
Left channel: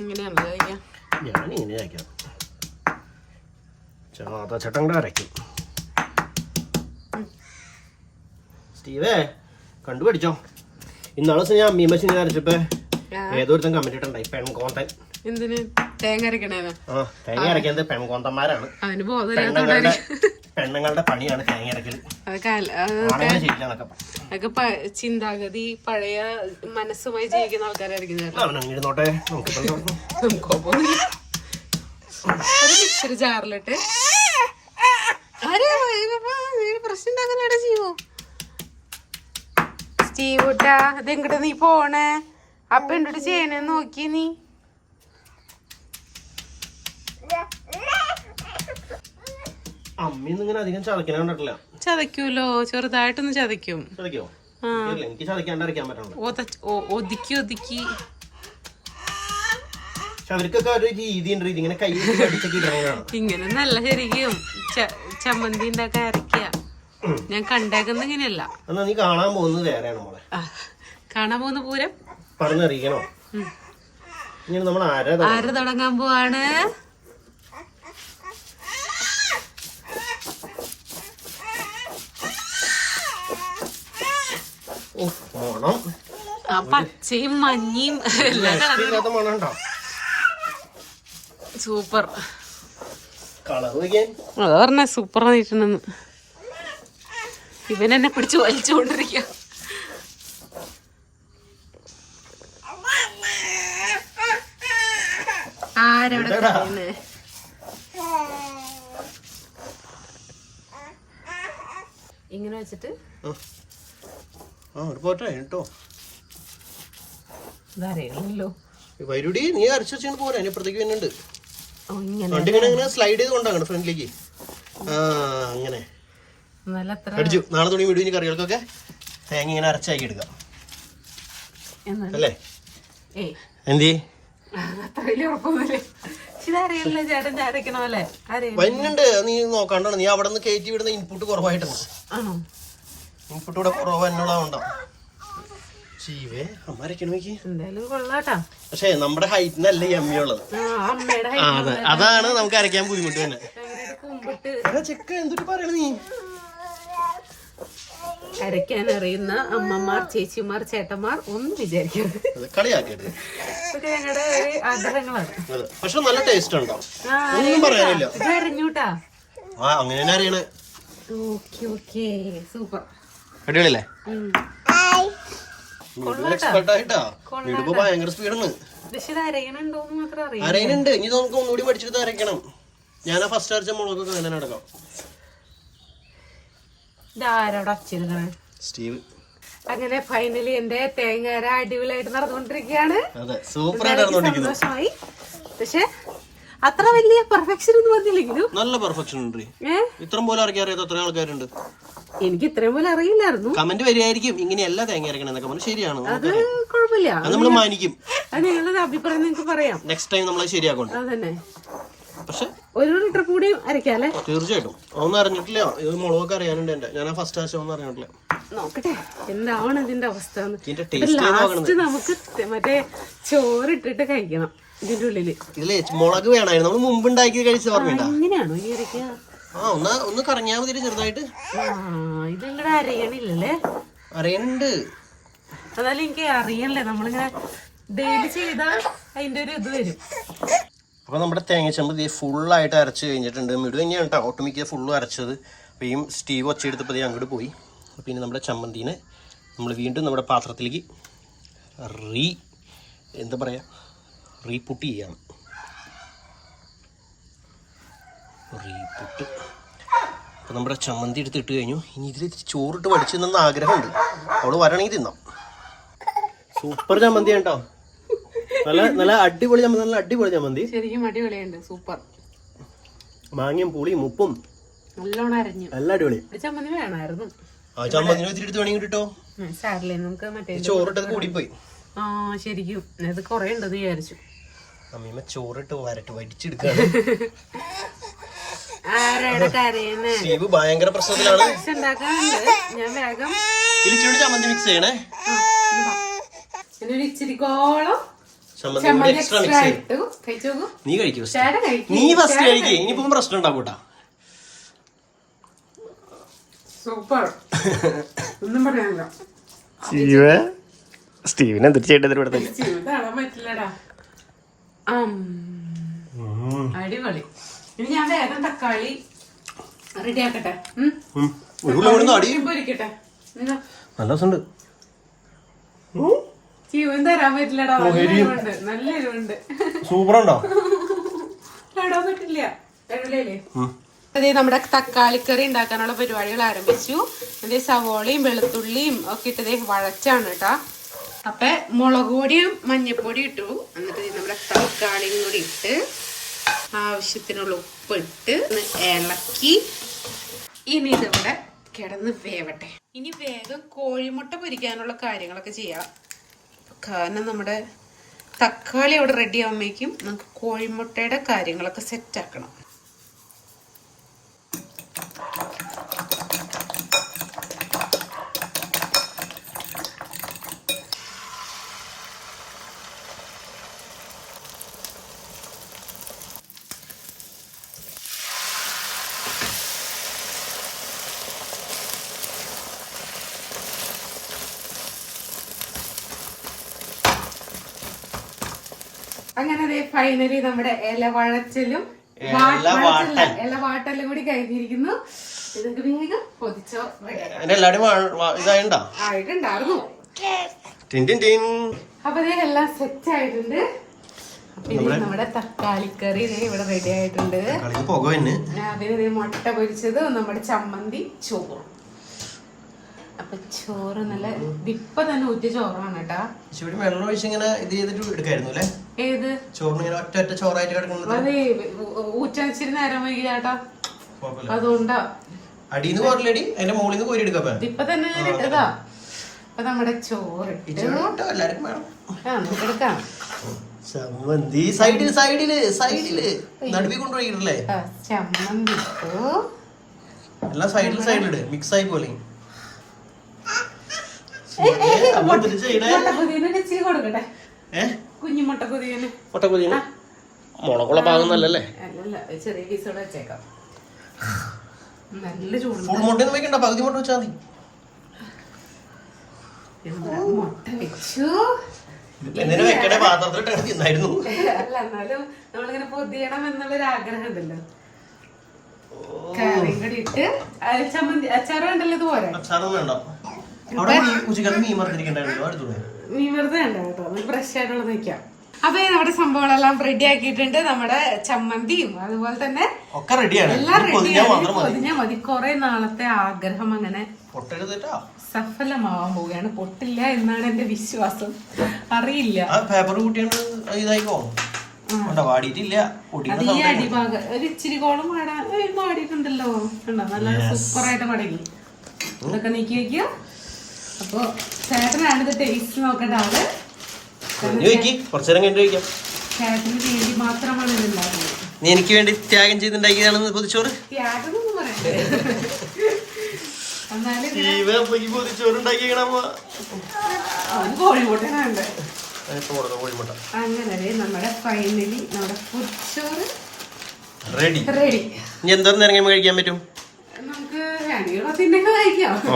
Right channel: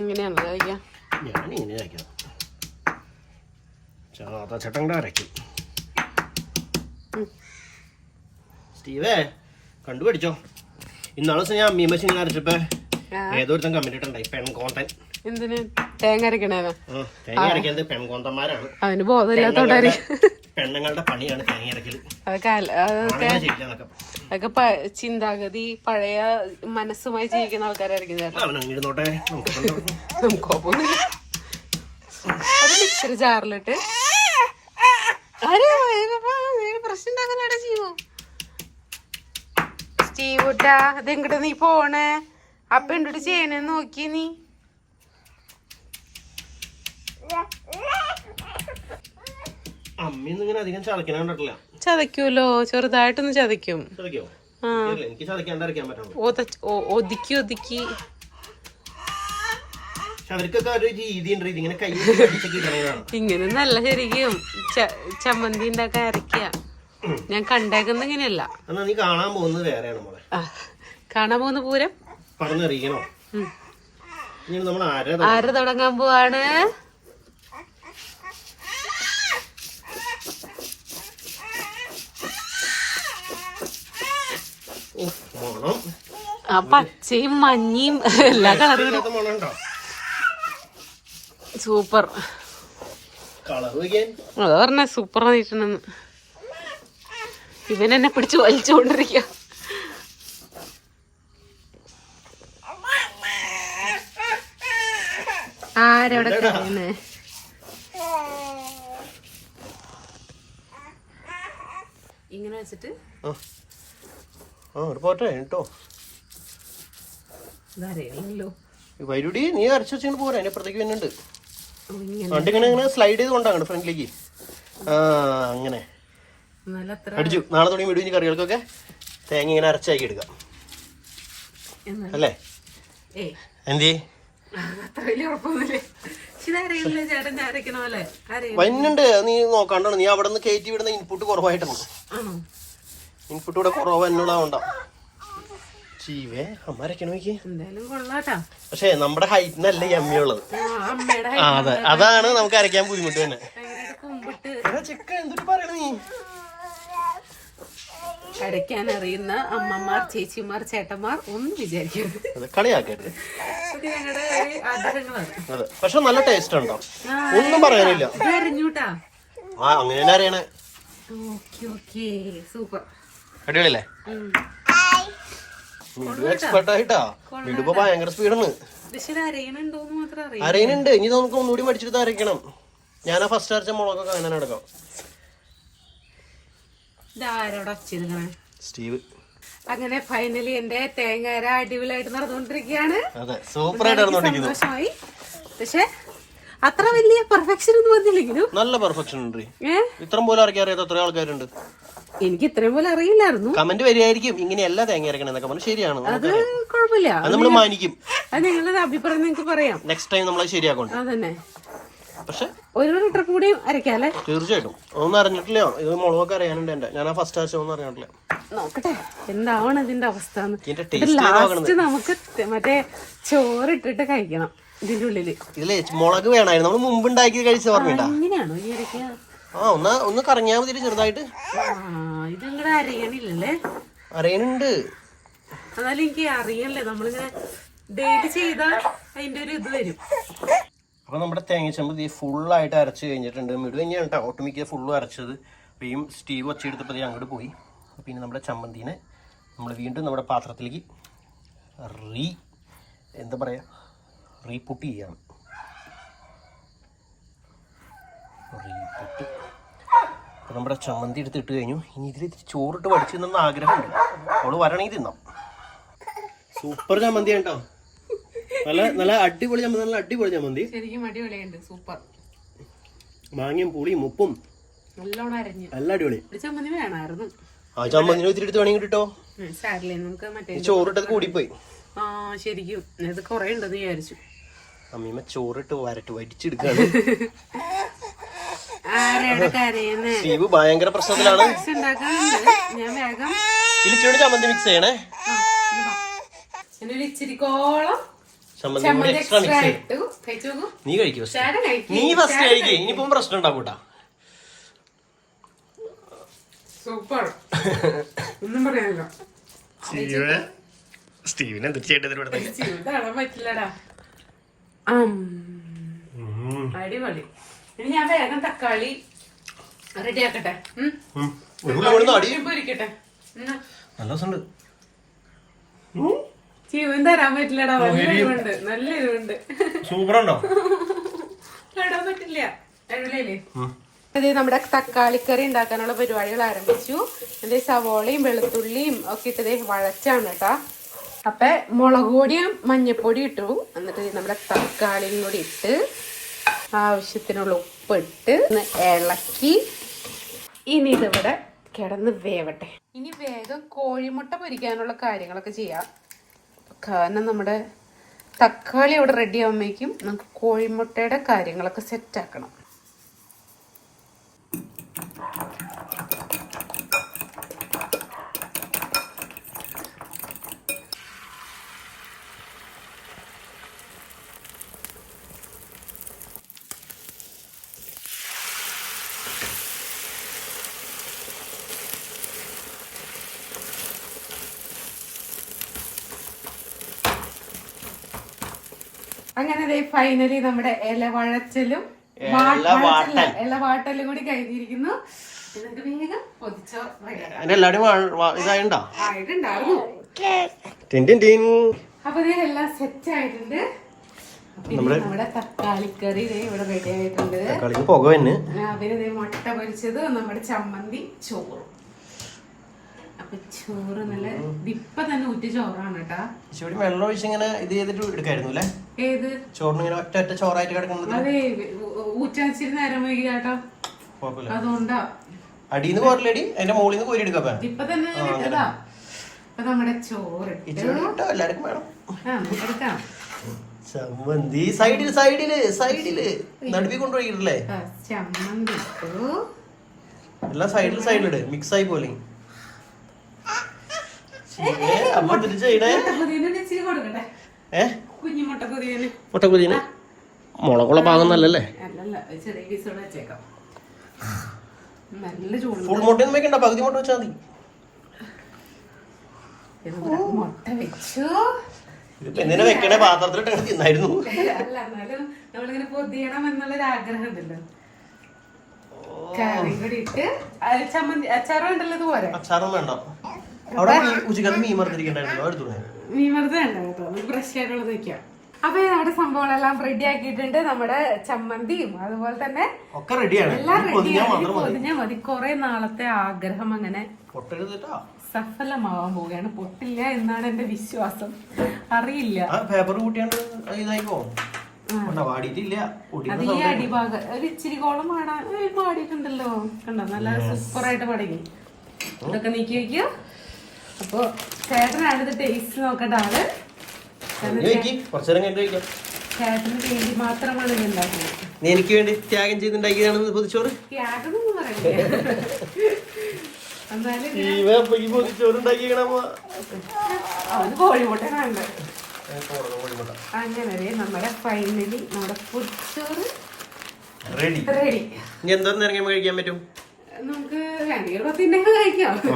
ഇങ്ങനെയാണല്ലോ ചതയ്ക്ക. ഞാൻ ഇങ്ങനെ ചാതച്ചട്ടം കൂടെ അരയ്ക്കും. സ്റ്റീവേ കണ്ടുപിടിച്ചോ? ഇന്നാളെ ദിവസം ഞാൻ അമ്മീമ്മ ഇങ്ങനെ അരച്ചപ്പോ ആ. ഏതോ ഒരുത്തൻ കമന്റ് ഇട്ടുണ്ടായി പെൺകോന്തൻ എന്തിന്? തേങ്ങ അരക്കണേനോ തേങ്ങ അരയ്ക്കുന്നത് പെൺകോന്തന്മാരാണ് അവന് ബോധമില്ലാത്തോണ്ടായിരിക്കും പെണ്ണുങ്ങളുടെ പണിയാണ് തേങ്ങ അരക്കൽ അതൊക്കെ ചിന്താഗതി പഴയ മനസ്സുമായി ജീവിക്കുന്ന ആൾക്കാരായിരിക്കും അങ്ങനെ നമുക്ക് കുഴപ്പമൊന്നുമില്ല. ഒരു മിക്സർ ജാറിലിട്ട്. പ്രശ്നം ജീവോ സ്റ്റീവൂട്ടാ ഇതെങ്ങോട്ട് നീ പോണേ? അപ്പൊ എന്തിട്ട് ചെയ്യണേ നോക്കി നീ? ചതക്കൂലോ ഇങ്ങനെ അധികം കണ്ടിട്ടില്ല. ചതയ്ക്കൂലോ? ചെറുതായിട്ടൊന്ന് ചതയ്ക്കും. എനിക്ക് പറ്റണം ഒതുക്കി ഒതുക്കി. അവർക്കൊക്കെ ഒരു രീതി ഉണ്ട് ഇതിങ്ങനെ കൈ വെച്ച് അടിച്ചൊക്കെ ഇടണതാണ് ഇങ്ങനെ നല്ല ശരിക്കും ചമ്മന്തി ഉണ്ടാക്കാൻ അരക്കുക ഞാൻ കണ്ടേക്കുന്ന ഇങ്ങനെയല്ല. നീ കാണാൻ പോകുന്നത് വേറെയാണ് മോളെ. കാണാൻ പോകുന്ന പൂരം പറഞ്ഞറിയിക്കണോ? ഇനി നമ്മൾ അര അര തുടങ്ങാൻ പോവാണ്? മണം. പച്ചയും മഞ്ഞയും എല്ലാ കളറും. സൂപ്പർ. അതാ പറഞ്ഞ സൂപ്പർ ആയിട്ടുണ്ടെന്ന് ഇവനെന്നെ എന്നെ പിടിച്ച് വലിച്ചുകൊണ്ടിരിക്കുക ആരവിടെ എന്താടാ? കാണുന്നേ? ഇങ്ങനെ വെച്ചിട്ട് ആ ഒരു പോട്ടെ കേട്ടോ ഇതറിയില്ലല്ലോ വരുടി നീ അരച്ചു വെച്ചിട്ട് പോരാ അതിന് അപ്പുറത്തേക്ക് തന്നെ ഇങ്ങനെ. പണ്ട് ഇങ്ങനെ ഇങ്ങനെ സ്ലൈഡ് ചെയ്ത് കൊണ്ടാണ് ഫ്രണ്ടിലേക്ക് ആ അങ്ങനെ. അടിച്ചു. നാളെ തുടങ്ങി വിടുവിന് കറികൾക്കൊക്കെ. തേങ്ങ ഇങ്ങനെ അരച്ചാക്കി എടുക്കാം. അല്ലേ? എന്തി വന്നുണ്ട് നീ നോക്കാണ്ടാണ്. നീ അവിടെ നിന്ന് കയറ്റി വിടുന്ന ഇൻപുട്ട് കുറവായിട്ടാണ് ഇൻപുട്ട് ഇവിടെ കുറവ് എന്നുള്ളതുകൊണ്ടാ ജീവേ നോക്കി കൊള്ളാട്ടാ. പക്ഷേ നമ്മുടെ ഹൈറ്റിനല്ല ഈ അമ്മി ഉള്ളത് അതെ. അതാണ് നമുക്ക് അരയ്ക്കാൻ ബുദ്ധിമുട്ട് തന്നെ. ചെക്ക എന്തിട്ട് പറയണ നീ? അരയ്ക്കാൻ അറിയുന്ന അമ്മമാർ ചേച്ചിമാർ ചേട്ടന്മാർ ഒന്നും വിചാരിക്കരുത്. ഞങ്ങളുടെ ഒരു ആഗ്രഹങ്ങളാണ്. പക്ഷെ നല്ല ടേസ്റ്റ് ഉണ്ടാവും ഒന്നും പറയാനില്ല. ആ അങ്ങനെ അറിയണേ. Okay okay. സൂപ്പർ. അടിപൊളിയല്ലേ? എക്സ്പെർട്ട് ആയിട്ടാ. വീടിപ്പോ ഭയങ്കര സ്പീഡാണ് അരയനുണ്ട് ഇനി നമുക്ക് ഒന്നുകൂടി പഠിച്ചിട്ട് അരയ്ക്കണം. ഞാൻ ആ ഫസ്റ്റ് അരച്ച മുളകൊക്കെ അങ്ങനെ ആരോടെ സ്റ്റീവ്. അങ്ങനെ ഫൈനലി എന്റെ തേങ്ങാര അടിപൊളിയായിട്ട് നടന്നുകൊണ്ടിരിക്കുകയാണ്. അതെ സൂപ്പർ ആയിട്ട് നടന്നോണ്ടിരിക്കുന്നു സന്തോഷമായി. പക്ഷെ അത്ര വലിയ പെർഫെക്ഷൻ ഒന്നും വന്നില്ലെങ്കിലും. നല്ല പെർഫെക്ഷൻ ഉണ്ട്. ഏ? ഇത്രയും പോലും അരയ്ക്കാൻ അറിയാത്ത ആൾക്കാരുണ്ട്. എനിക്ക് ഇത്രയും പോലെ അറിയില്ലായിരുന്നു. കമന്റ് വരികയായിരിക്കും. ഇങ്ങനെയല്ല തേങ്ങ അരക്കണം എന്നൊക്കെ പറഞ്ഞു ശരിയാണ്. അത് കുഴപ്പമില്ല. അത് നമ്മൾ മാനിക്കും. അത് നിങ്ങളുടെ അഭിപ്രായം നിങ്ങൾക്ക് പറയാം. നെക്സ്റ്റ് ടൈം നമ്മൾ ശരിയാക്കണ്ട അതന്നെ. പക്ഷെ ഒരു ലിറ്റർ കൂടി അരക്കാല്ലേ തീർച്ചയായിട്ടും. ഒന്നും അറിഞ്ഞിട്ടില്ല. ഇത് മുളകൊക്കെ അറിയാനുണ്ട് എന്റെ. ഞാൻ ഫസ്റ്റ് ആഴ്ച ഒന്നും അറിഞ്ഞിട്ടില്ല നോക്കട്ടെ. എന്താവണം ഇതിന്റെ അവസ്ഥ ലാസ്റ്റ് നമുക്ക് മറ്റേ ചോറിട്ടിട്ട് കഴിക്കണം. ഇതിന്റെ ഉള്ളിൽ. ഇതിൽ മുളക് വേണമായിരുന്നു നമ്മൾ മുമ്പ് ഉണ്ടാക്കി കഴിച്ച ഓർമ്മയുണ്ടാ അങ്ങനെയാണോ? ഈ അരയ്ക്ക. ആ ഒന്ന് ഒന്ന് കറങ്ങിയാ മതി ചെറുതായിട്ട്. ആ ഇത് അറിയണുണ്ട്. എന്നാലും എനിക്ക് അറിയണല്ലേ. നമ്മളിങ്ങനെ ഡെയിലി ചെയ്താൽ അതിന്റെ ഒരു ഇത് വരും. അപ്പൊ നമ്മുടെ തേങ്ങച്ചമ്പ് ഇത് ഫുള്ളായിട്ട് അരച്ച് കഴിഞ്ഞിട്ടുണ്ട്. മിടു തന്നെയാണ് കേട്ടോ ഒട്ടുമിക്ക ഫുള്ളും അരച്ചത്. അപ്പോൾ ഈ സ്റ്റീവ് ഒച്ചയെടുത്തപ്പോൾ അങ്ങോട്ട് പോയി. അപ്പോൾ ഇനി നമ്മുടെ ചമ്മന്തിനെ നമ്മൾ വീണ്ടും നമ്മുടെ പാത്രത്തിലേക്ക് റീ എന്താ പറയുക റീപുട്ട് ചെയ്യാണ് റീപുട്ട് അപ്പോൾ നമ്മുടെ ചമ്മന്തി എടുത്ത് ഇട്ട് കഴിഞ്ഞു. ഇനി ഇതിൽ ഇത്തിരി ചോറിട്ട് പഠിച്ചു തിന്നുന്ന ആഗ്രഹമുണ്ട്. അവൾ വരണമെങ്കിൽ തിന്നാം. സൂപ്പർ ചമ്മന്തി കേട്ടോ. നല്ല നല്ല അടിപൊളി ചമ്മന്തി നല്ല അടിപൊളി ചമ്മന്തി. ശരിക്കും അടിപൊളിയുണ്ട്. സൂപ്പർ. മാങ്ങയും പുളിയും ഉപ്പും നല്ലോണം അരഞ്ഞു. നല്ല അടിപൊളി. ചമ്മന്തി വേണമായിരുന്നു. ആ ചമ്മന്തി ഒത്തിരി എടുത്ത് വേണമെങ്കിൽ കിട്ടോ സാറില്ലേ നമുക്ക് മറ്റേ ചോറിട്ടത് കൂടിപ്പോയി. ആ ശരിക്കും. ഇത് കൊറേ ഉണ്ടെന്ന് വിചാരിച്ചു. അമ്മീമ്മ ചോറിട്ട് വരട്ട് വടിച്ചെടുക്കാണ് സ്റ്റീവ് ഭയങ്കര പ്രശ്നത്തിലാണ്. ഇലിച്ചോട് ചമ്മന്തി മിക്സ് ചെയ്യണേ. ചമ്മന്തി കൂടി എക്സ്ട്രാ മിക്സ് ചെയ്യും. നീ കഴിക്കൂ നീ ഫസ്റ്റ് കഴിക്കേ. ഇനിയിപ്പം പ്രശ്നം ഉണ്ടാവും കേട്ടാ. സൂപ്പർ. ഒന്നും പറയാനില്ല. സ്റ്റീവ് സ്റ്റീവിന് ചെയ്യേണ്ടത്. അടിപൊളി. ഇനി ഞാൻ വേഗം തക്കാളി റെഡി ആക്കട്ടെ. നല്ല രസമുണ്ട്. ജീവൻ തരാൻ പറ്റില്ലടാ. നല്ല എരിവുണ്ട്. നല്ല എരിവുണ്ട്. സൂപ്പർ ഉണ്ടോ തൊടാൻ പറ്റില്ല അതെ നമ്മുടെ തക്കാളിക്കറി ഉണ്ടാക്കാനുള്ള പരിപാടികൾ ആരംഭിച്ചു. അതേ സവോളയും വെളുത്തുള്ളിയും ഒക്കെ ഇട്ടതേ വഴച്ചാണ് കേട്ടാ. അപ്പൊ മുളക് പൊടിയും മഞ്ഞപ്പൊടി ഇട്ടു. എന്നിട്ട് നമ്മുടെ തക്കാളിയും കൂടി ഇട്ട് ആവശ്യത്തിനുള്ള ഉപ്പ് ഇട്ട് ഒന്ന് ഇളക്കി. ഇനി ഇതിവിടെ കിടന്ന് വേവട്ടെ. ഇനി വേഗം കോഴിമുട്ട പൊരിക്കാനുള്ള കാര്യങ്ങളൊക്കെ ചെയ്യാം. കാരണം നമ്മുടെ തക്കാളി അവിടെ റെഡി ആകുമ്പോഴേക്കും നമുക്ക് കോഴിമുട്ടയുടെ കാര്യങ്ങളൊക്കെ സെറ്റ് അങ്ങനെ ഫൈനലി നമ്മുടെ ഇല വഴച്ചിലും ഇല വാട്ടൽ. ഇല വാട്ടലും കൂടി കഴിഞ്ഞിരിക്കുന്നു. പൊതിച്ചോ? എല്ലാവരും ആയിട്ടുണ്ടായിരുന്നു. അപ്പൊ എല്ലാം സെറ്റ് ആയിട്ടുണ്ട്. നമ്മുടെ തക്കാളിക്കറി ഇവിടെ റെഡി ആയിട്ടുണ്ട്. കളിക്ക് പുക തന്നെ പിന്നെ ദേ മുട്ട പൊരിച്ചത് നമ്മുടെ ചമ്മന്തി ചോറ്. അപ്പൊ ചോറ് നല്ല വിപ്പ തന്നെ ഊറ്റ ചോറാണ് കേട്ടാ. ഇച്ചിരി വെള്ളം ഒഴിച്ച് ഇങ്ങനെ ഇത് ചെയ്തിട്ട് എടുക്കായിരുന്നു അല്ലേ? ഏത്? ചോറിന് ഇങ്ങനെ ഒറ്റ ഒറ്റ ചോറായിട്ട് കിടക്കുന്നത്. അതെ നേരം വൈകി ചേട്ടാ. കുഴപ്പമില്ല. അതുകൊണ്ടാ. അടിയിൽ നിന്ന് കോരലടി അതിന്റെ മുകളിൽ നിന്ന് കോരി എടുക്കാം ഇപ്പൊ തന്നെ അപ്പൊ നമ്മുടെ ചോറ് എല്ലാവർക്കും വേണം. എടുക്കാം. ചമ്മന്തി. സൈഡിൽ സൈഡിൽ സൈഡിൽ. നടുവി കൊണ്ടുപോയിട്ടല്ലേ? ചമ്മന്തി. എല്ലാം സൈഡിൽ സൈഡിലിട് മിക്സ് ആയി പോലെ അമ്മ തിരിച്ചു ചെയ്യണേ മുട്ടക്കുതിയന് ഇച്ചിരി കൊടുക്കട്ടെ ഏ കുഞ്ഞു മുട്ടക്കുതിയന് മുട്ടക്കുതിന് മുളകുള്ള പാകുന്നല്ലേ ചെറിയ പീസോടെ വെച്ചേക്കാം. നല്ല ചൂടുണ്ട്. ഫുൾ മുട്ടയൊന്നും വെക്കണ്ട പകുതി മുട്ട വെച്ചാൽ മതി. മുട്ട വെച്ചു? എന്തിനാ വെക്കണേ? പാത്രത്തിലിട്ട് തിന്നായിരുന്നു. അല്ല എന്നാലും നമ്മളിങ്ങനെ പൊതിയണം എന്നുള്ളൊരു ആഗ്രഹം ഉണ്ടല്ലോ. കറിയും കൂടി ഇട്ട് ചമ്മന്തി അച്ചാറും ഉണ്ടല്ലോ ഇതുപോലെ? അച്ചാറും വേണ്ട ഉച്ചക്കത്തെ മീൻ കേട്ടോ. ഫ്രഷ് ആയിട്ടുള്ളത് വെക്കാം അപ്പൊ നമ്മുടെ സംഭവങ്ങളെല്ലാം റെഡി ആക്കിയിട്ടുണ്ട്. നമ്മുടെ ചമ്മന്തിയും അതുപോലെ തന്നെ ഒക്കെ റെഡിയാണ് എല്ലാം റെഡി പൊതിഞ്ഞാൽ മതി. കൊറേ നാളത്തെ ആഗ്രഹം അങ്ങനെ സഫലമാവാൻ പോവുകയാണ്. പൊട്ടില്ല എന്നാണ് എന്റെ വിശ്വാസം. അറിയില്ല. പേപ്പർ കൂട്ടിയാണ്ട് ഇതായിക്കോ? ഇച്ചിരി കോളം പാടാൻ പാടിയിട്ടുണ്ടല്ലോ കണ്ടോ? നല്ല സൂപ്പറായിട്ട് പാടി ഇതൊക്കെ നീക്കി വെക്കുക. അപ്പൊ ചേട്ടനാണ് ഇത് ടേസ്റ്റ് നോക്കേണ്ട ആൾ ഇനി വെക്കി കുറച്ചു നേരം കഴിക്കാം ചേട്ടന് വേണ്ടി മാത്രമാണ് ഇത് ഉണ്ടാക്കുന്നത്. നീ എനിക്ക് വേണ്ടി ത്യാഗം ചെയ്തുണ്ടാക്കിയതാണെന്ന് പൊതിച്ചോറ് ത്യാഗം ഒന്നും പറയണ്ടേ പൊതിച്ചോറ് കോഴിമുട്ടനുണ്ട് കോഴിമുട്ട. അങ്ങനെ നമ്മുടെ ഫൈനലി നമ്മുടെ പൊതിച്ചോറ് റെഡി റെഡി ഇനി എന്തോരം നേരം കഴിക്കാൻ പറ്റും? നമുക്ക്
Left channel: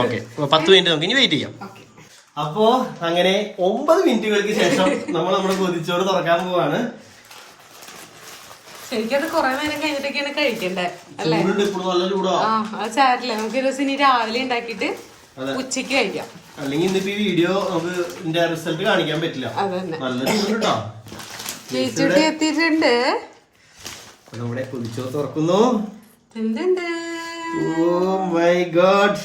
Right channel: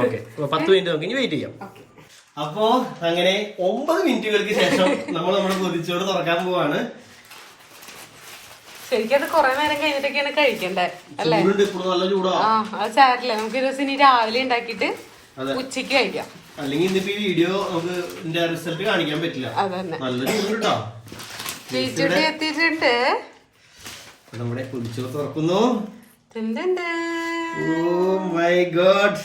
ഓക്കെ. പത്ത് മിനിറ്റ് നമുക്ക് ഇനി വെയിറ്റ് ചെയ്യാം. ഓക്കെ. അപ്പോ അങ്ങനെ ഒമ്പത് മിനിറ്റുകൾക്ക് ശേഷം നമ്മൾ നമ്മുടെ കൊതിച്ചോറ് തുറക്കാൻ പോവാണ്. ശരിക്കും കൊറേ നേരം കഴിഞ്ഞിട്ടൊക്കെയാണ് കഴിക്കണ്ടേ? അല്ലേ? ആ അത് സാരില്ല നമുക്ക് ഒരു ദിവസം ഇനി രാവിലെ ഉണ്ടാക്കിട്ട് ഉച്ചയ്ക്ക് ഉച്ചയ്ക്ക് കഴിക്കാം. അല്ലെങ്കിൽ ഇന്നിപ്പോ ഈ വീഡിയോ നമുക്ക് ഇതിന്റെ റിസൾട്ട് കാണിക്കാൻ പറ്റില്ല. അതന്നെ. നല്ല ചൂടുണ്ട് എത്തിയിട്ടുണ്ട്. നമ്മുടെ കൊതിച്ചോറ് തുറക്കുന്നു. എന്തുണ്ട് ഓ മൈ ഗോഡ്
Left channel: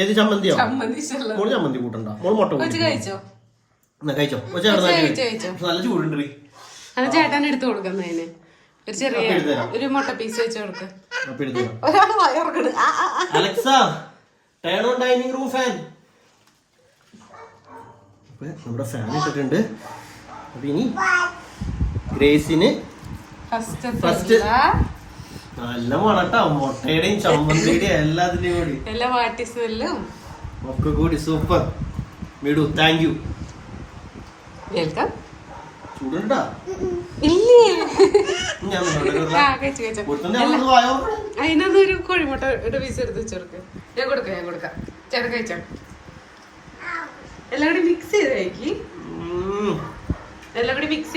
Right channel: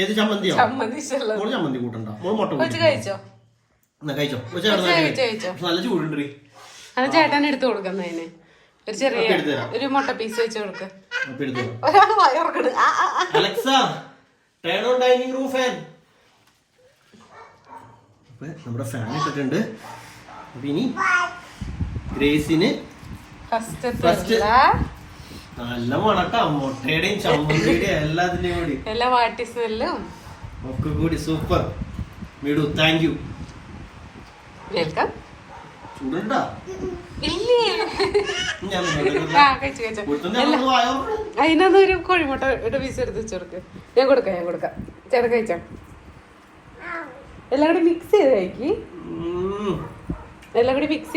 ഏത് ചമ്മന്തിയോ? മോൾ ചമ്മന്തി കൂട്ടണ്ട. മോൾ മുട്ട കഴിച്ചോ? കഴിച്ചോ. നല്ല ചൂടുണ്ട്. അത് ചേട്ടൻ എടുത്തു കൊടുക്കുന്നതിന് ഒരു ചെറിയ. ഒരു മുട്ട പീസ് വെച്ച് കൊടുക്ക. ഒരാൾ വയറുക്കണ്. Alexa turn on dining room fan നമ്മുടെ ഫാൻ ഇട്ടിട്ടുണ്ട്. അപ്പൊ ഇനി ഗ്രേസിന് ഫസ്റ്റ്. നല്ല മണട്ടാ. മുട്ടയുടെയും ചമ്മന്തിയുടെയും എല്ലാത്തിന്റെയും കൂടി. എല്ലാ വാട്ടി സ്മെല്ലും. ഒക്കെ കൂടി സൂപ്പർ. വീടു താങ്ക് യു വെൽക്കം. ചൂടുണ്ടാ? ഇല്ലേ? ഒരു കോഴിമുട്ട ഒരു പീസ് എടുത്ത് ഞാൻ കൊടുക്കാം ഞാൻ കൊടുക്കാം. ചേട്ടൻ കഴിച്ചോ? എല്ലാം കൂടി മിക്സ് ചെയ്ത് കഴിക്കി. എല്ലാം കൂടി മിക്സ്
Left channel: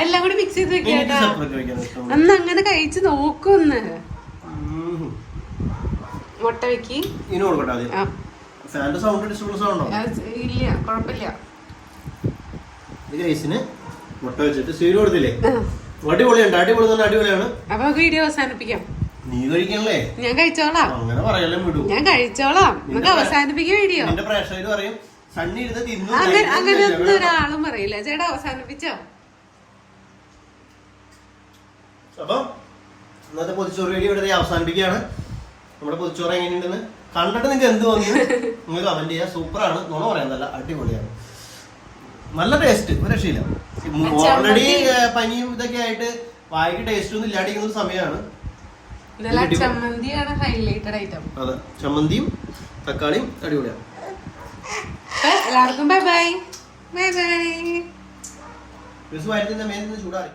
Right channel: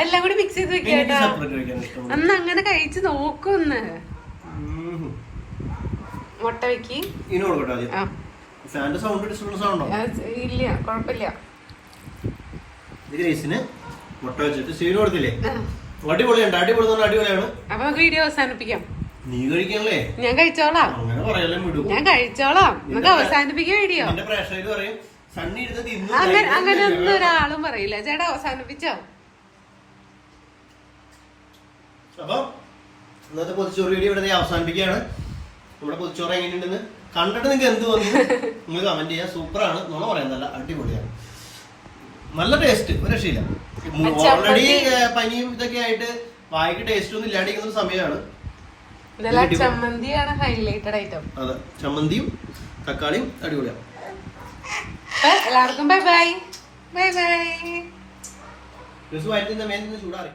എല്ലാം കൂടി മിക്സ് ചെയ്ത് വെക്കാട്ടോ അന്ന് അങ്ങനെ കഴിച്ച് നോക്കൊന്ന്. മുട്ട വെക്കി. ഇല്ല കുഴപ്പമില്ല മുട്ട വെച്ചിട്ട് സീഡ് കൊടുത്തില്ലേ? അടിപൊളിയുണ്ട് അടിപൊളി അടിപൊളിയാണ്. അപ്പൊ നമുക്ക് വീഡിയോ അവസാനിപ്പിക്കാം. നീ കഴിക്കണല്ലേ ഞാൻ കഴിച്ചോളാം. അങ്ങനെ പറയല്ലേ വിടൂ ഞാൻ കഴിച്ചോളാം. നമുക്ക് അവസാനിപ്പിക്കാൻ വീഡിയോ എന്റെ പ്രേക്ഷകര് പറയും സണ്ണി എടുത്ത് തിന്നു അങ്ങനെ അങ്ങനെ ഒന്നും ഒരാളും പറയില്ല. ചേട്ടാ അവസാനിപ്പിച്ചോ? അപ്പൊ ഇന്നത്തെ പൊതിച്ചോറ് വീഡിയോ ഇവിടെ അവസാനിപ്പിക്കുകയാണ്. നമ്മുടെ പൊതിച്ചോറ് എങ്ങനെയുണ്ടെന്ന് കണ്ടിട്ട് നിങ്ങൾക്ക് എന്ത് തോന്നുന്നു? നിങ്ങൾ കമന്റ് ചെയ്യുക സൂപ്പറാണ്. നുണ പറയാൻ നല്ല അടിപൊളിയാണ്. നല്ല ടേസ്റ്റ് ഒരു രക്ഷയില്ല. ഓൾറെഡി പനിയും ഇതൊക്കെ ആയിട്ട് വായിക്ക് ടേസ്റ്റ് ഒന്നും ഇല്ലാണ്ടിരിക്കുന്ന സമയമാണ്. ചമ്മന്തിയാണ് ഹൈലൈറ്റഡ് ഐറ്റം അതെ ചമ്മന്തിയും തക്കാളിയും അടിപൊളിയാണ്. എല്ലാവർക്കും ബൈ ബൈ ബൈ ബൈ ചൂടാറി.